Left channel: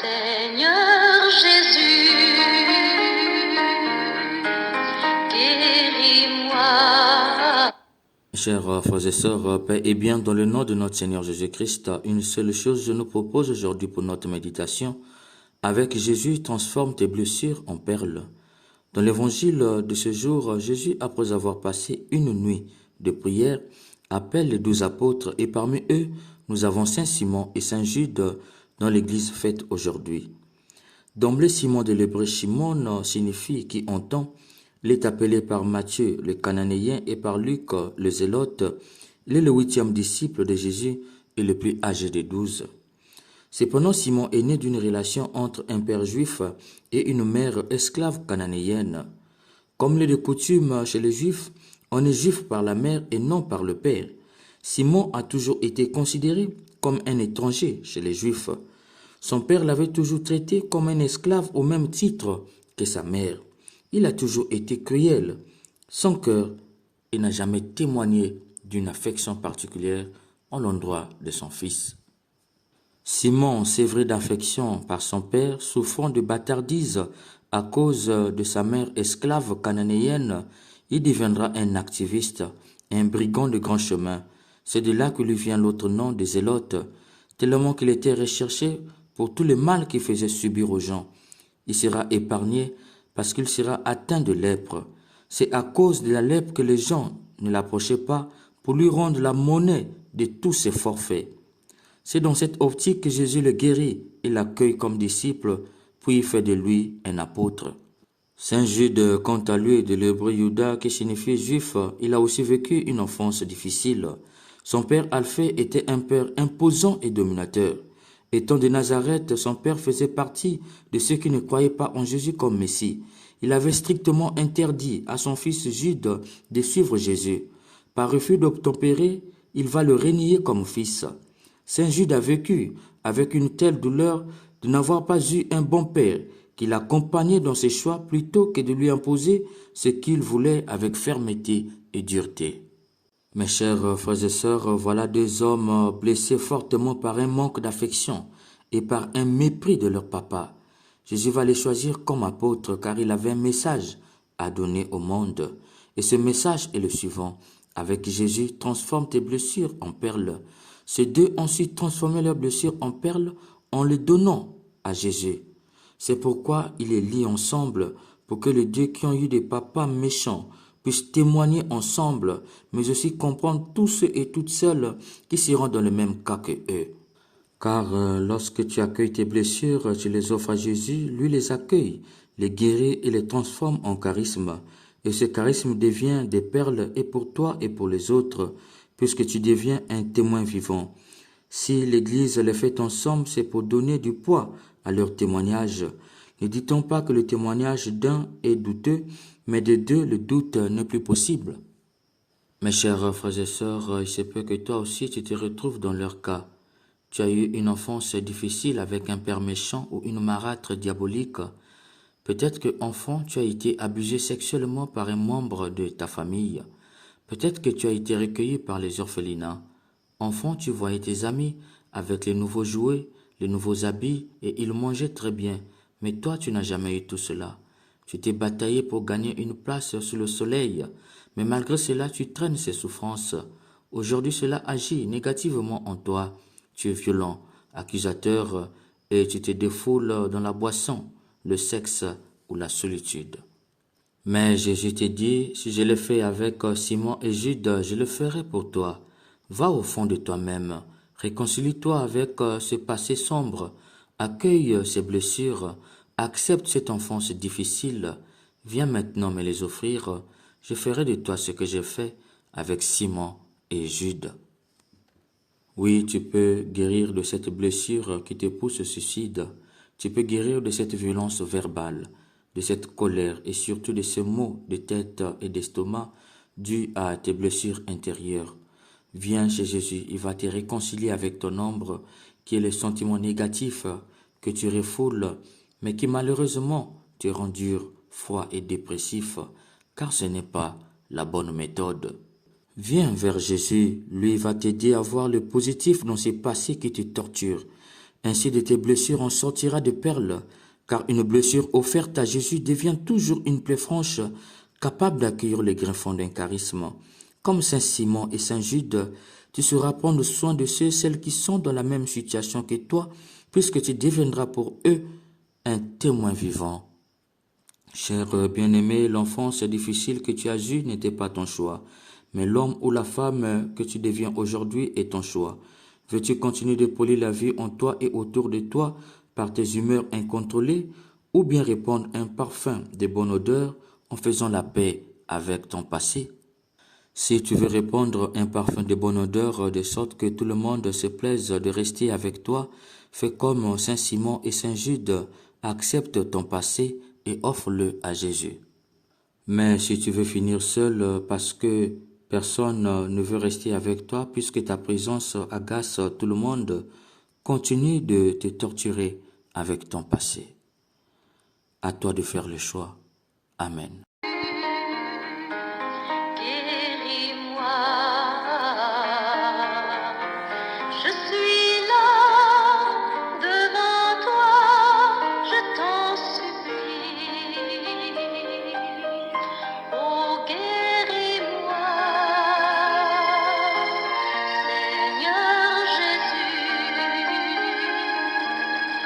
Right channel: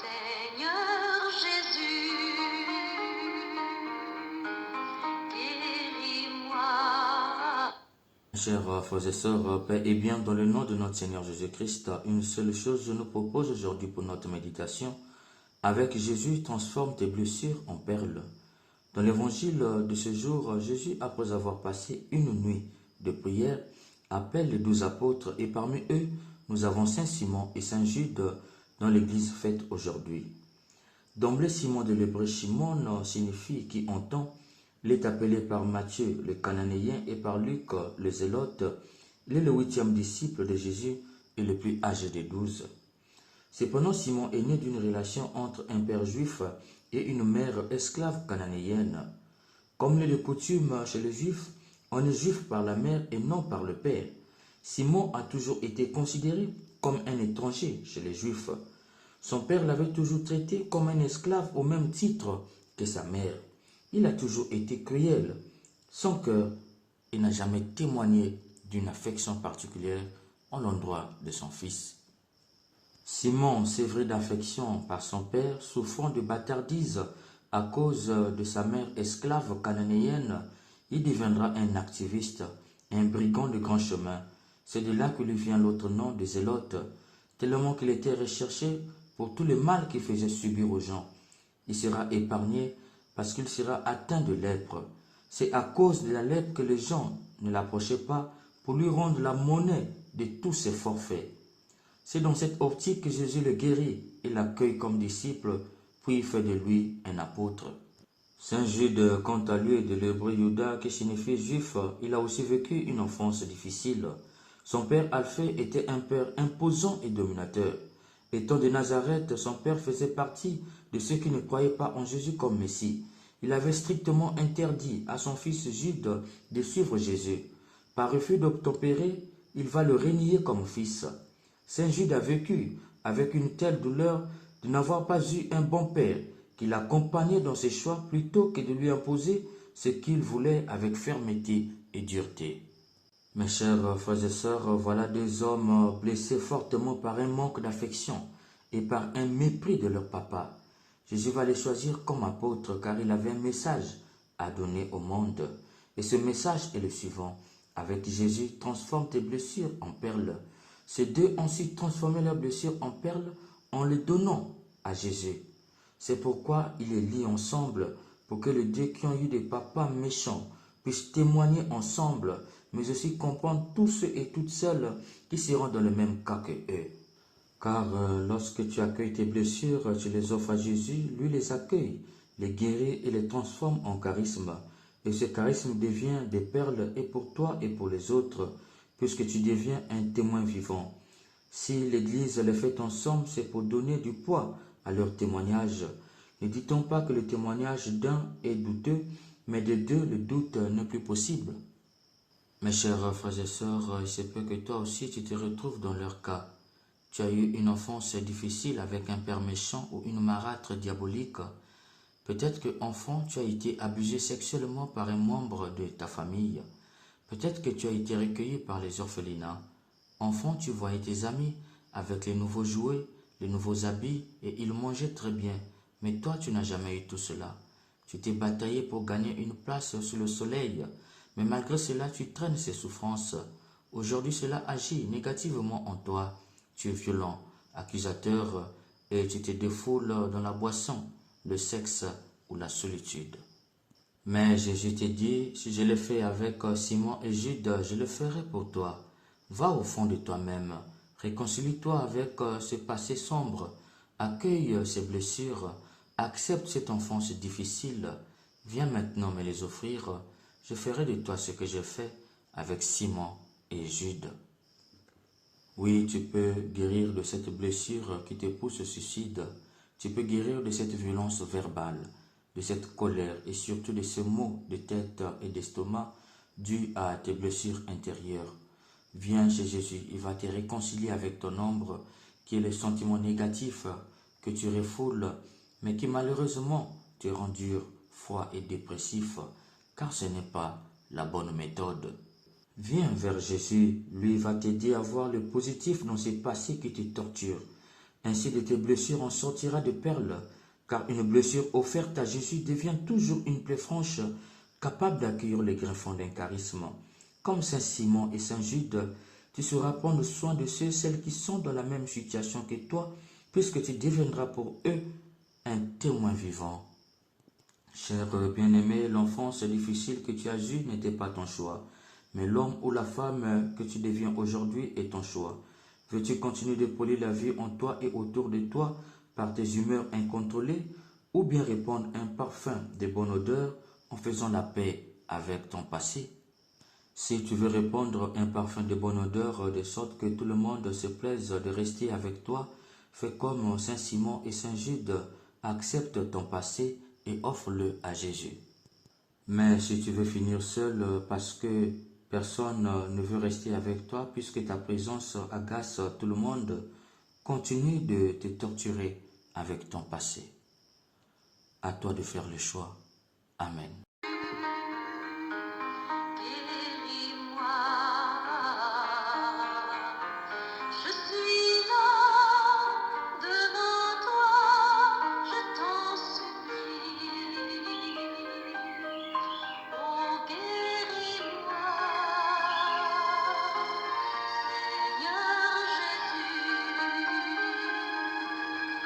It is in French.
Seigneur Jésus, guéris-moi. Chers frères et sœurs, paix et bien dans le nom de notre Seigneur Jésus-Christ, une seule chose je nous propose aujourd'hui pour notre méditation. Avec Jésus, transforme tes blessures en perles. Dans l'évangile de ce jour, Jésus, après avoir passé une nuit de prière, appelle les 12 apôtres et parmi eux, nous avons Saint Simon et Saint Jude dans l'église faite aujourd'hui. D'emblée, Simon de l'hébreu Shimon signifie qui entend. Il est appelé par Matthieu le cananéen et par Luc le zélote. Il est le 8e disciple de Jésus et le plus âgé des 12. Cependant, Simon est né d'une relation entre un père juif et une mère esclave cananéenne. Comme il est de coutume chez les juifs, on est juif par la mère et non par le père. Simon a toujours été considéré comme un étranger chez les juifs. Son père l'avait toujours traité comme un esclave au même titre que sa mère. Il a toujours été cruel. Son cœur, il n'a jamais témoigné d'une affection particulière en l'endroit de son fils. Simon, sévré d'affection par son père, souffrant de bâtardise à cause de sa mère esclave cananéenne, il deviendra un activiste, un brigand de grand chemin. C'est de là que lui vient l'autre nom de zélote, tellement qu'il était recherché pour tout le mal qu'il faisait subir aux gens. Il sera épargné parce qu'il sera atteint de lèpre. C'est à cause de la lèpre que les gens ne l'approchaient pas pour lui rendre la monnaie de tous ses forfaits. C'est dans cette optique que Jésus le guérit et l'accueille comme disciple, puis fait de lui un apôtre. Saint Jude, quant à lui, de l'hébreu Juda, qui signifie juif, il a aussi vécu une enfance difficile. Son père Alphée était un père imposant et dominateur. Étant de Nazareth, son père faisait partie de ceux qui ne croyaient pas en Jésus comme Messie. Il avait strictement interdit à son fils Jude de suivre Jésus. Par refus d'obtempérer, il va le renier comme fils. Saint Jude a vécu avec une telle douleur de n'avoir pas eu un bon père qui l'accompagnait dans ses choix plutôt que de lui imposer ce qu'il voulait avec fermeté et dureté. Mes chers frères et sœurs, voilà deux hommes blessés fortement par un manque d'affection et par un mépris de leur papa. Jésus va les choisir comme apôtres car il avait un message à donner au monde. Et ce message est le suivant. Avec Jésus, transforme tes blessures en perles. Ces deux ont su transformer leurs blessures en perles en les donnant à Jésus. C'est pourquoi il les lie ensemble pour que les deux qui ont eu des papas méchants puissent témoigner ensemble, mais aussi comprendre tous ceux et toutes celles qui seront dans le même cas que eux. Car lorsque tu accueilles tes blessures, tu les offres à Jésus, lui les accueille, les guérit et les transforme en charisme. Et ce charisme devient des perles et pour toi et pour les autres, puisque tu deviens un témoin vivant. Si l'Église les fait ensemble, c'est pour donner du poids à leur témoignage. Ne dit-on pas que le témoignage d'un est douteux, mais de deux, le doute n'est plus possible. Mes chers frères et sœurs, il se peut que toi aussi tu te retrouves dans leur cas. Tu as eu une enfance difficile avec un père méchant ou une marâtre diabolique. Peut-être que enfant, tu as été abusé sexuellement par un membre de ta famille. Peut-être que tu as été recueilli par les orphelinats. Enfant, tu voyais tes amis avec les nouveaux jouets, les nouveaux habits et ils mangeaient très bien. Mais toi, tu n'as jamais eu tout cela. Tu t'es bataillé pour gagner une place sous le soleil. Mais malgré cela, tu traînes ces souffrances. Aujourd'hui, cela agit négativement en toi. Tu es violent, accusateur et tu te défoules dans la boisson, le sexe ou la solitude. Mais Jésus te dit, si je l'ai fait avec Simon et Jude, je le ferai pour toi. Va au fond de toi-même, réconcilie-toi avec ce passé sombre, accueille ces blessures, accepte cette enfance difficile, viens maintenant me les offrir, je ferai de toi ce que j'ai fait avec Simon et Jude. Oui, tu peux guérir de cette blessure qui te pousse au suicide, tu peux guérir de cette violence verbale, de cette colère et surtout de ces maux de tête et d'estomac dus à tes blessures intérieures. Viens chez Jésus, il va te réconcilier avec ton ombre qui est le sentiment négatif que tu refoules, mais qui malheureusement te rend dur, froid et dépressif, car ce n'est pas la bonne méthode. Viens vers Jésus, lui va t'aider à voir le positif dans ces passés qui te torturent. Ainsi de tes blessures en sortira des perles, car une blessure offerte à Jésus devient toujours une plaie franche, capable d'accueillir les griffons d'un charisme. Comme Saint Simon et Saint Jude, tu sauras prendre soin de ceux et celles qui sont dans la même situation que toi, puisque tu deviendras pour eux un témoin vivant. Cher bien-aimé, l'enfance difficile que tu as eue n'était pas ton choix, mais l'homme ou la femme que tu deviens aujourd'hui est ton choix. Veux-tu continuer de polir la vie en toi et autour de toi par tes humeurs incontrôlées, ou bien répandre un parfum de bonne odeur en faisant la paix avec ton passé? Si tu veux répandre un parfum de bonne odeur de sorte que tout le monde se plaise de rester avec toi, fais comme Saint Simon et Saint Jude, accepte ton passé et offre-le à Jésus. Mais si tu veux finir seul parce que personne ne veut rester avec toi puisque ta présence agace tout le monde, continue de te torturer avec ton passé. À toi de faire le choix. Amen.